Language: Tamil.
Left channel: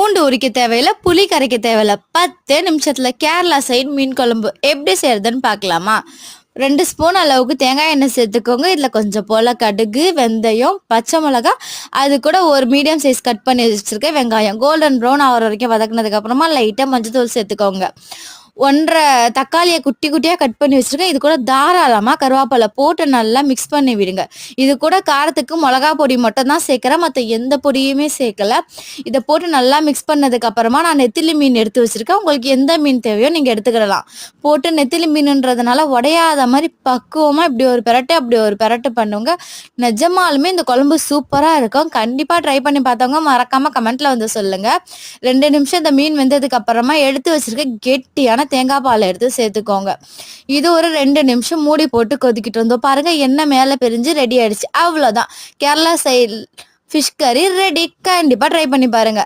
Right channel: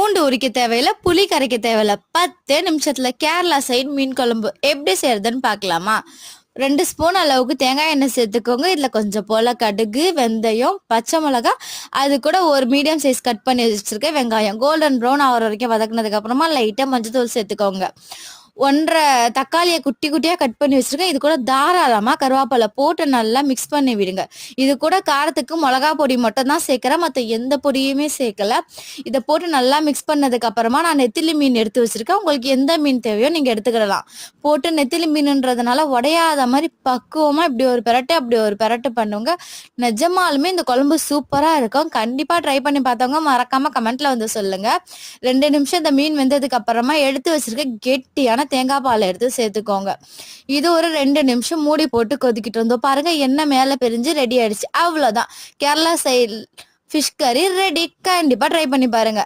பூண்டு உரிக்க தேவையில்ல, புளி கரைக்க தேவையில்ல. 10 நிமிஷத்துல கேரளா சைடு மீன் குழம்பு எப்படி செய்யறதுன்னு பார்க்கலாமா? 2 ஸ்பூன் அளவுக்கு தேங்காய் எண்ணெய் சேர்த்துக்கோங்க. இதுல கொஞ்சம் போல கடுகு, வெந்தயம், பச்சை மிளகா, அது கூட ஒரு மீடியம் சைஸ் கட் பண்ணி வச்சிருக்க வெங்காயம் கோல்டன் ப்ரௌன் ஆகிற வரைக்கும் வதக்குனதுக்கு அப்புறமா லைட்டா மஞ்சத்தூள் சேர்த்துக்கோங்க. 1.5 தக்காளியை குட்டி குட்டியா கட் பண்ணி வச்சிருக்கேன். இது கூட தாராளமா கருவேப்பிலை போட்டு நல்லா மிக்ஸ் பண்ணி விடுங்க. இது கூட காரத்துக்கு மிளகா பொடி மட்டும் தான் சேர்க்கிறேன், மற்ற எந்த பொடியுமே சேர்க்கல. இதை போட்டு நல்லா மிக்ஸ் பண்ணதுக்கு அப்புறமா நான் நெத்திலி மீன் எடுத்து வச்சிருக்கேன். உங்களுக்கு எந்த மீன் தேவையோ நீங்க எடுத்துக்கிடலாம். போட்டு நெத்திலி மீனுன்றதுனால உடையாத மாதிரி பக்குவமா இப்படி ஒரு பெரட்டு அப்படி ஒரு பெரட்டு பண்ணுங்க. நிஜமாலுமே இந்த குழம்பு சூப்பரா இருக்கும். கண்டிப்பா ட்ரை பண்ணி பார்த்தவங்க மறக்காம கமெண்ட்ல வந்து சொல்லுங்க. 2 நிமிஷம் இந்த மீன் வெந்ததுக்கு அப்புறமா எடுத்து வச்சிருக்க கெட்டியான தேங்காய் பால் எடுத்து சேர்த்துக்கோங்க. இது ஒரு 2 நிமிஷம் மூடி போட்டு கொதிக்கிட்டு இருந்தோம். பாருங்க எண்ணெய் மேல பிரிஞ்சு ரெடி ஆயிடுச்சு. அவ்வளவுதான், கேரளா ஸ்டைல் ஃபிஷ் கறி ரெடி. கண்டிப்பா ட்ரை பண்ணி பாருங்க.